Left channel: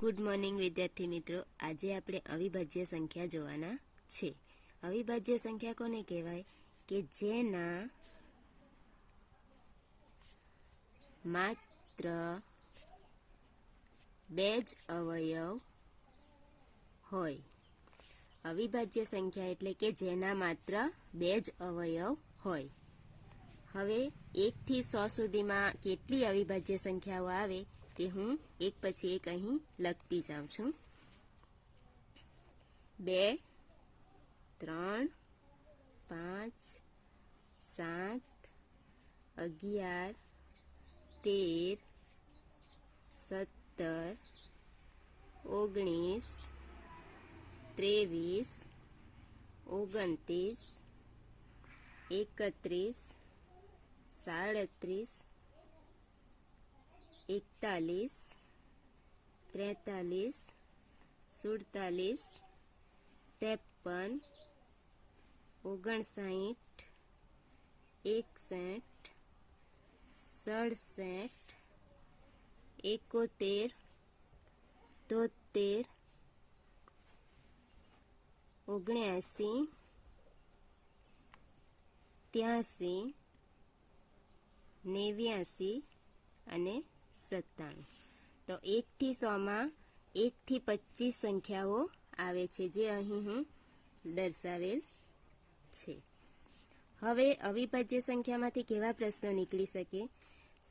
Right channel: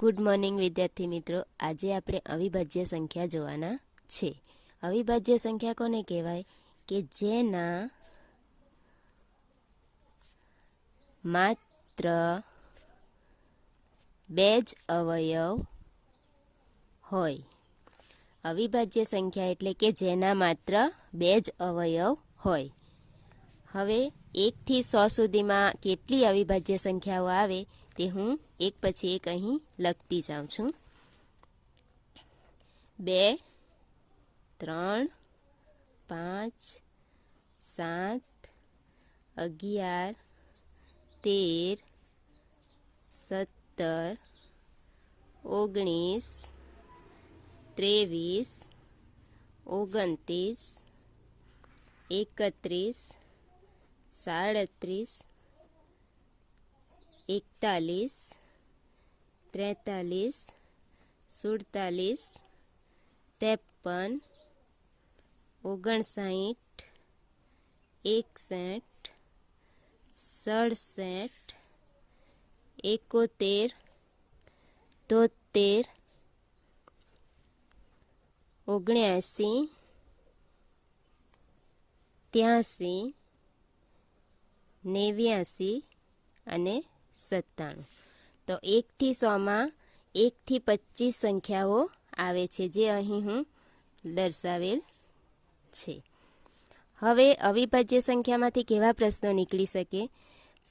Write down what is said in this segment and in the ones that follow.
Good morning વિદ્યાર્થી મિત્રો. આજે આપણે અવિભાજ્ય સંખ્યા જોવાના છે. અવિભાજ્ય સંખ્યા કોને કહેવાય? કે જેના માત્ર બે જ અવયવ હોય. અવિભાજ્ય સંખ્યા એટલે કે જેના માત્ર બે જ અવયવ હોય. હવે એકથી સો સુધીમાં કેટલી અવિભાજ્ય સંખ્યાઓ આવે? તે હું એક પછી એક અહીં લખતી જાઉં છું બે ત્રણ પાંચ સાત અગિયાર તેર સત્તર ઓગણીસ ત્રેવીસ ઓગણત્રીસ એકત્રીસ સાડત્રીસ એકતાલીસ ત્રેતાલીસ સુડતાલીસ ત્રેપન ઓગણસાઠ એકસઠ સડસઠ એકોતેર તોતેર ઓગણ્યાસી ત્યાંસી નેવ્યાસી અને સત્તાણું. તો એકથી સોમાં એકથી પચીસ સંખ્યાઓ આવે છે, જે અહીં હું દર્શાવેલ છે. હવે અવિભાજ્ય સંખ્યામાંથી કેવા પ્રશ્નો નીકળી શકે?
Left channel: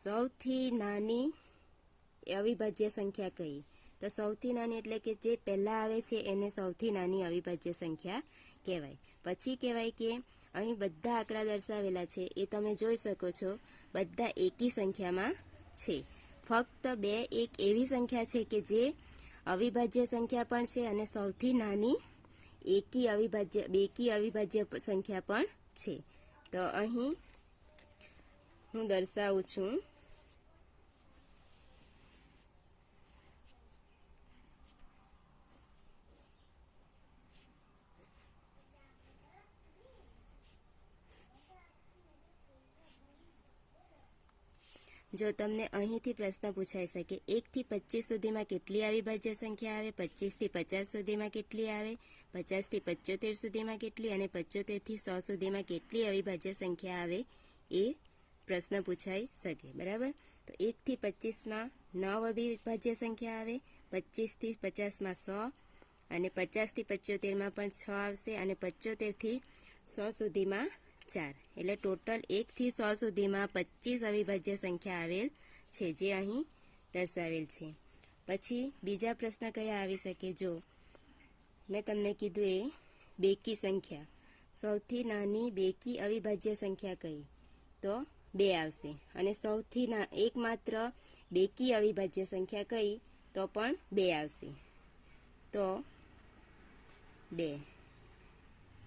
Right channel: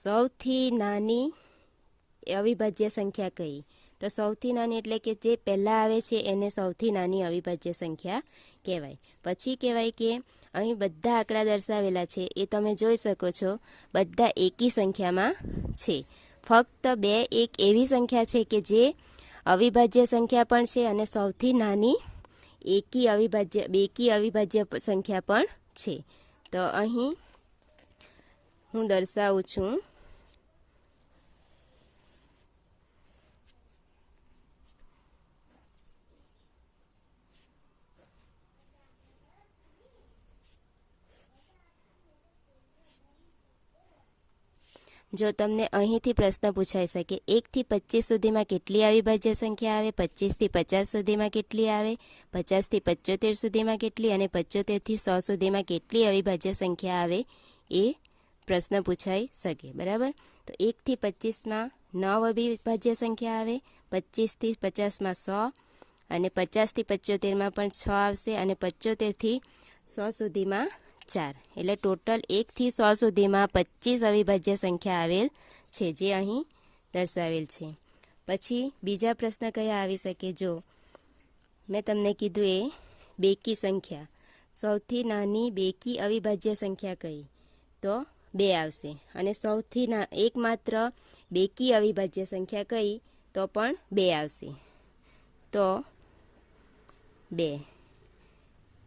સૌથી નાની અવિભાજ્ય સંખ્યા કઈ? તો સૌથી નાની એટલે કે જે પહેલાં આવે છે, એને સૌથી નાની અવિભાજ્ય સંખ્યા કહેવાય. પછી કહેવાય કે અહીં બધા આંકડા દર્શાવેલા છે, એ તમે જોઈ શકો છો, બધા એકી સંખ્યામાં છે. ફક્ત બે, એક એવી સંખ્યા છે કે જે અવિભાજ્ય સંખ્યા પણ છે અને સૌથી નાની એકી અવિભાજ્ય, બેકી અવિભાજ્ય સંખ્યા પણ છે. તો અહીં હું દર્શાવું છું. જો તમને અહીંથી પ્રશ્ન પૂછાઈ શકે, એકથી પચીસ સુધીમાં કેટલી અવિભાજ્ય સંખ્યા આવે? પચીસથી પચાસ સુધીમાં કેટલી આવે? પચાસથી પચોતેર સુધીમાં કેટલી અને પચોતેરથી સો સુધીમાં કેટલી અવિભાજ્ય સંખ્યા આવે? એ પ્રશ્ન પૂછાઈ શકે, બરાબર? તો એકથી પચીસમાં નવ અવિભાજ્ય સંખ્યા આવે, પચીસથી પચાસમાં સો અને પચાસથી પચોતેરમાં પણ છ આવશે અને પચોતેરથી સો સુધીમાં ચાર. એટલે ટોટલ એકથી સો સુધીમાં પચીસ અવિભાજ્ય સંખ્યા આવેલ છે, જે અહીં દર્શાવેલ છે. પછી બીજા પ્રશ્ન કયા આવી શકે? જો મેં તમને કીધું એ બેકી સંખ્યા. સૌથી નાની બેકી અવિભાજ્ય સંખ્યા કઈ? તો બે આવશે. અને સૌથી ના, એકમાત્ર બેકી અવિભાજ્ય સંખ્યા કઈ? તો પણ બે આવશે. તો બે.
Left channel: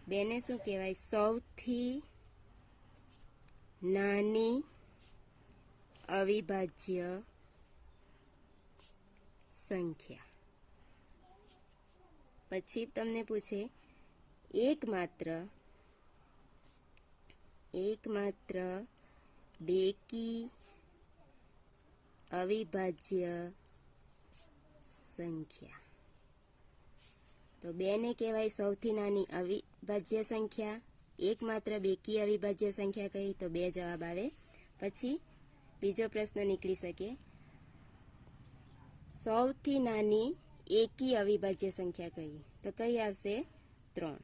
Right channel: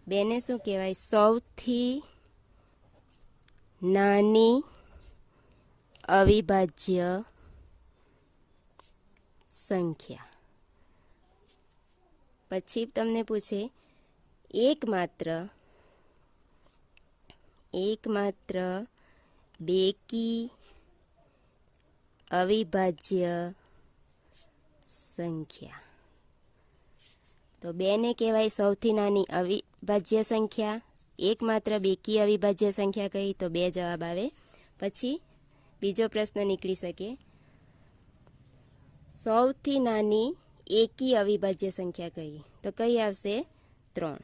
બેને શું કહેવાય? સૌથી નાની, અવિભાજ્ય સંખ્યા. પછી તમને પૂછે, એકમાત્ર એકમાત્ર બેકી અવિભાજ્ય સંખ્યા. તો બેને કહેવાય સૌથી નાની અવિભાજ્ય સંખ્યા. એકમાત્ર બેકી અવિભાજ્ય સંખ્યા કહી તો બે જવાબ આવે. પછી બીજો પ્રશ્ન નીકળી શકે. સૌથી નાની એકી અવિભાજ્ય સંખ્યા કહી તો કઈ આવશે? ત્રણ.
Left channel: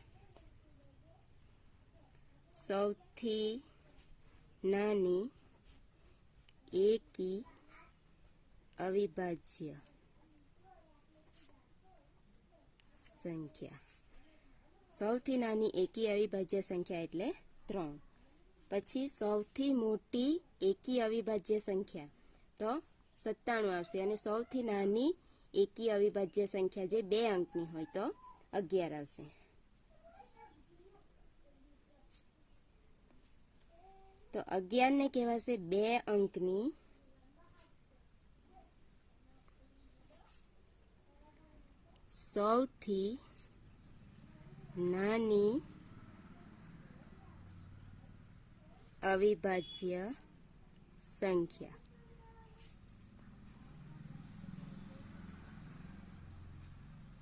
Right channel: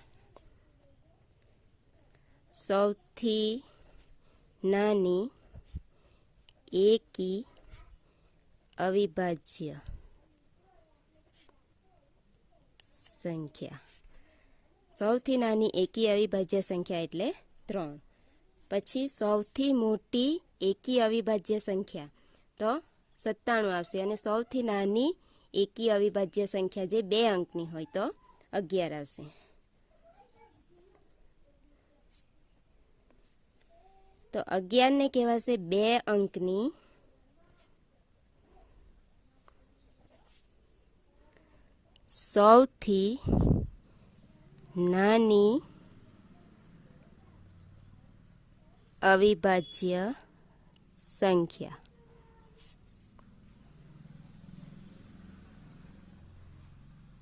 સૌથી નાની એકી અવિભાજ્ય સંખ્યા. સૌથી નાની એકી અવિભાજ્ય સંખ્યા એટલે ત્રણ. પછી સૌથી મોટી એકી અવિભાજ્ય સંખ્યા. તો સત્તાણું આવશે અને સૌથી નાની એકી અવિભાજ્ય સંખ્યા જે બે અંકની હોય તો અગિયાર આવશે. તો અગિયારને કહેવાશે બે અંકની. સૌથી નાની અવિભાજ્ય સંખ્યા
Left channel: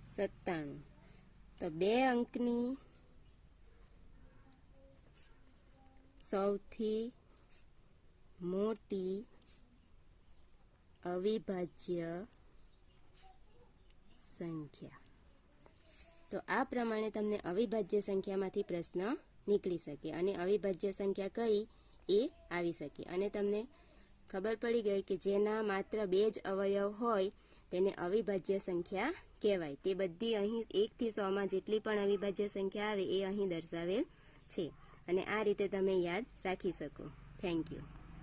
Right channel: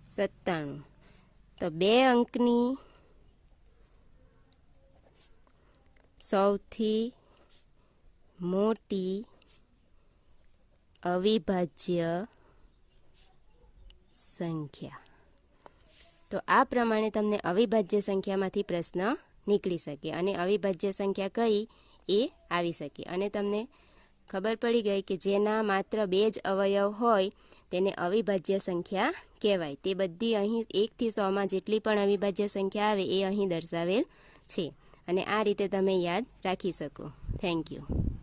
સત્તાણું તો બે અંકની સૌથી મોટી અવિભાજ્ય સંખ્યા તો આ પ્રમાણે તમને અવિભાજ્ય સંખ્યામાંથી પ્રશ્ન નીકળી શકે અને અવિભાજ્ય સંખ્યા કઈ એ આવી શકે. અને તમને ખબર પડી ગઈ કે જેના માત્ર બે જ અવયવ હોય તેને અવિભાજ્ય સંખ્યા કહેવાય. તે બધી અહીં એકથી સોમાં જેટલી પણ અવિભાજ્ય સંખ્યા આવે એ અહીં દર્શાવેલ છે. અને આ રીતે તમે યાદ રાખી શકો. Thank you